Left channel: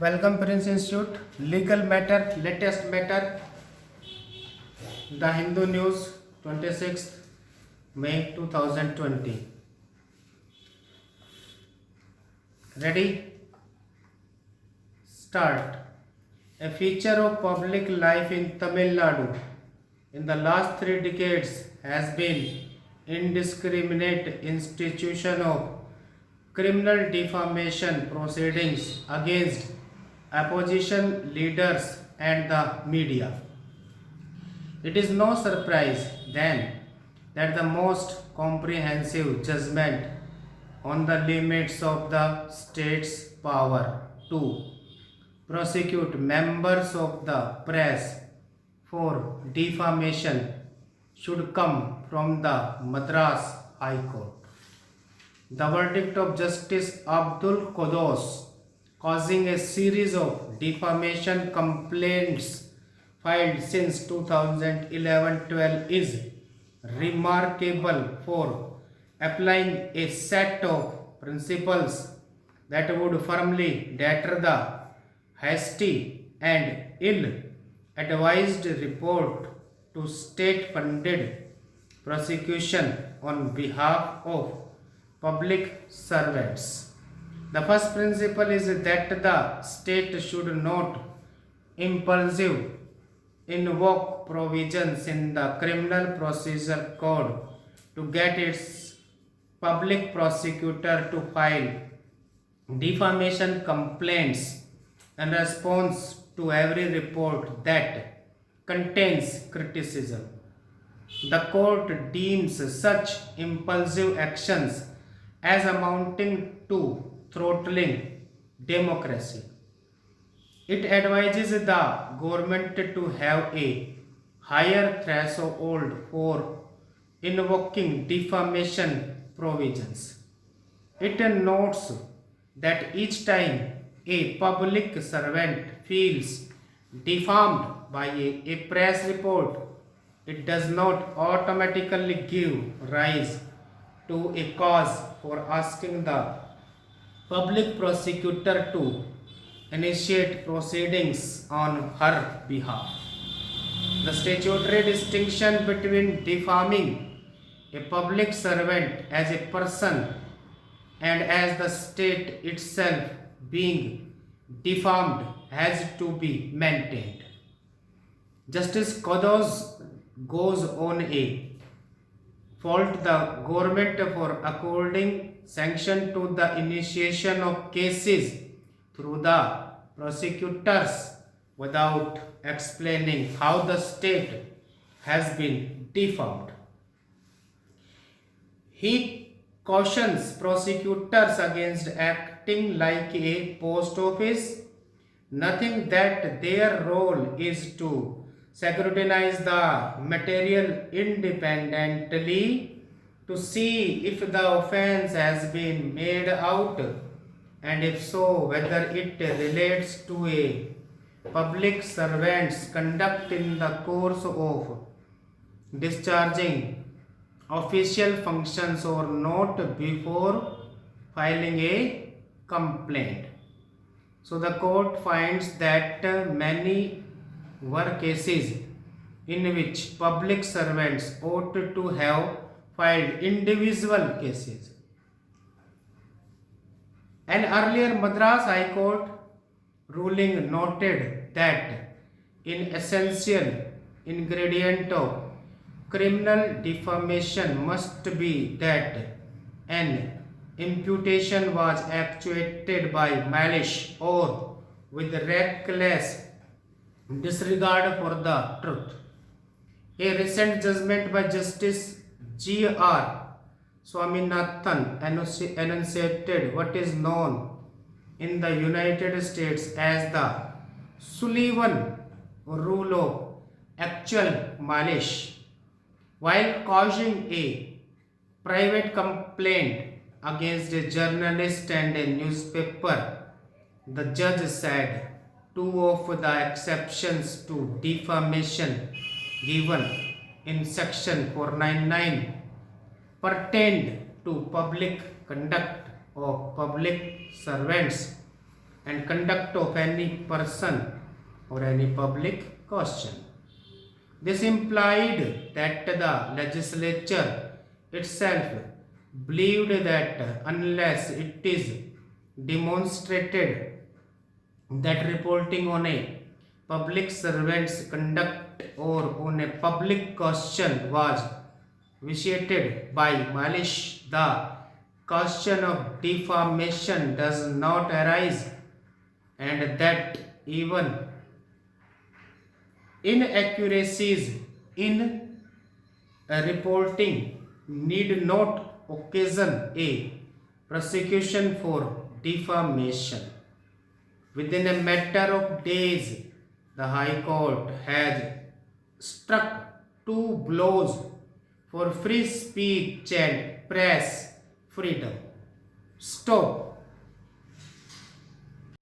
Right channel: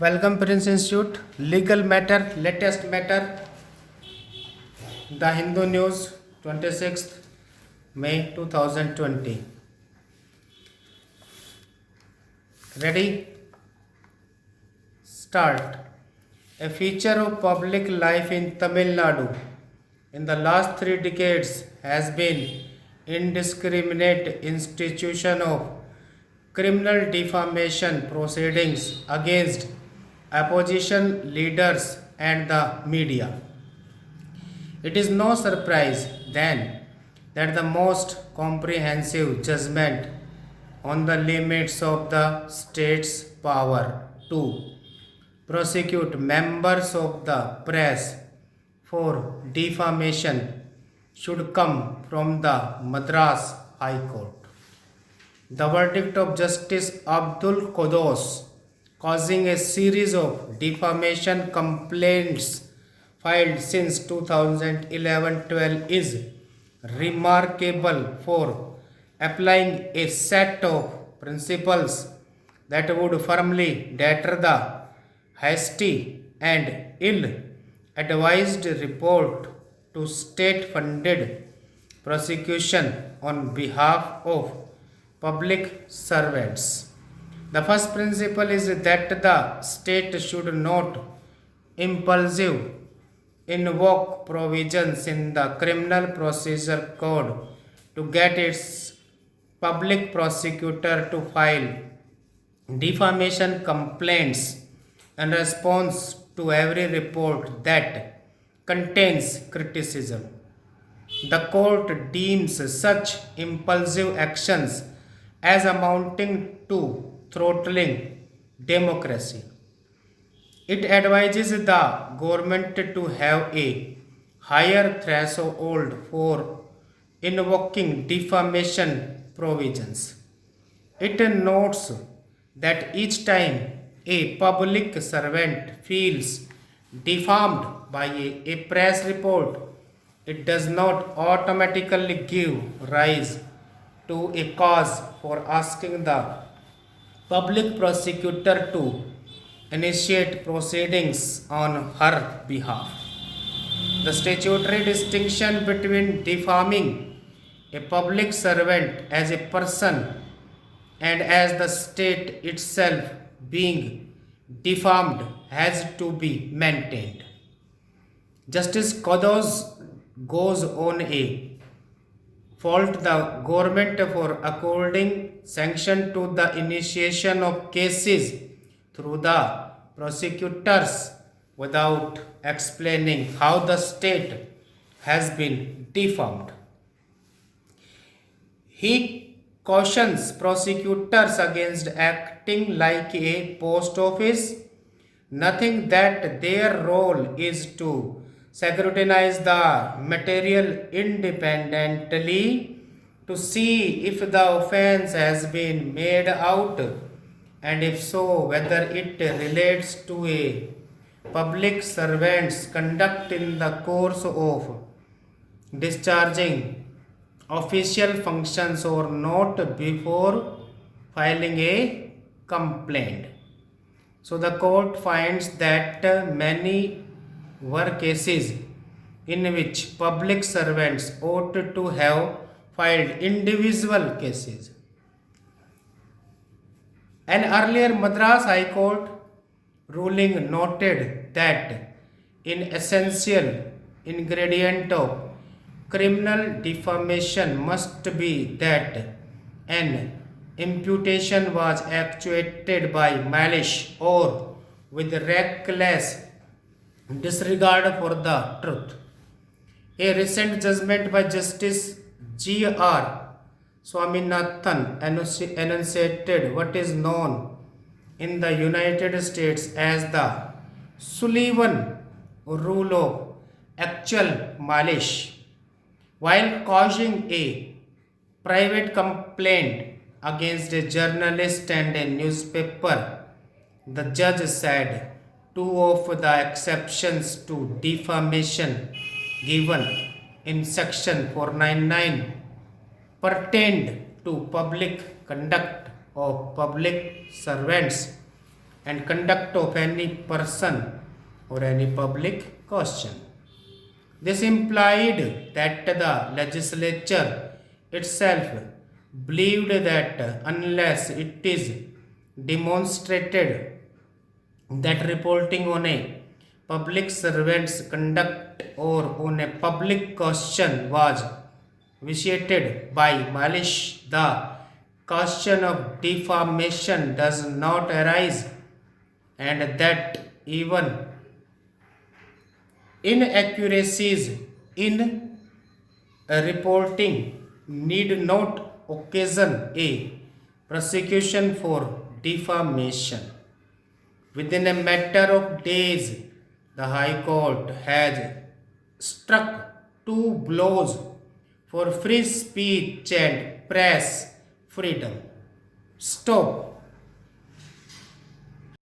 Welcome Prince Institute. Legal matter, latest matter. The Hindu News, 26th May 2020. Ready? Start. A feature of public life in Tamil Nadu in the last 3 decades has been indiscriminate institution of criminal defamation proceedings against opposition leaders and the media. It is no surprise then that the most comprehensive judgment on the limits of the state's power to prosecute members of the press for defamation should come from the Madras High Court. The verdict of Justice Abdul Qaddus, causing a series of defamation complaints filed since 2011-12, is remarkable for applying a set of principles that would firmly deter the hasty and ill-advised report to state-funded prosecution on behalf of public servants. The first principle is that the state should not impulsive invoke provisions in the criminal procedure code to get its public prosecutor to file defamation complaints in response to every report that contains criticism. The court deems such impulsive actions as amounting to throttling democracy. It advises the government to have a higher threshold for invoking defamation provisions. It notes that each time a public servant feels defamed by a press report, it does not automatically give rise to a cause for asking the public prosecutor to initiate proceedings on her behalf. The statutory distinction between defaming a public servant as a person and as the state itself being defamed has to be maintained. Justice Kodos goes on a fault the government for according sanction to the initiation of cases through the prosecutors without explaining how the state has been defamed. He cautions prosecutors against acting like a post office, nothing that their role is to scrutinize the material independently to see if the offense has been made out, and if so, whether it relates to a public servant's conduct in the course of discharging official functions or not before filing a complaint. So the court finds that many were cases in which public servants ought to have filed individual cases. An earlier Madras High Court ruling noted that an essential ingredient of criminal defamation must be that an imputation was actuated by malice or with reckless disregard for the truth. A recent judgment by Justice G.R. Swaminathan enunciated what is known in the United States as the Sullivan rule of actual malice. While causing a private complaint against a journalist and a newspaper, the judge said two of the exceptions to defamation given in section 499 pertained to public conduct of public servants and conduct of any person or any public question. This implied that the legislature itself believed that unless it is demonstrated that reporting on a public servant's conduct or on a public question was vitiated by malice, the question of defamation does not arise, and that even inaccuracies in a reporting need not occasion a prosecution for defamation. Within a matter of days, the High Court has struck two blows for free speech and press freedom. Stop.